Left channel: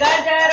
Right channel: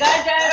गजर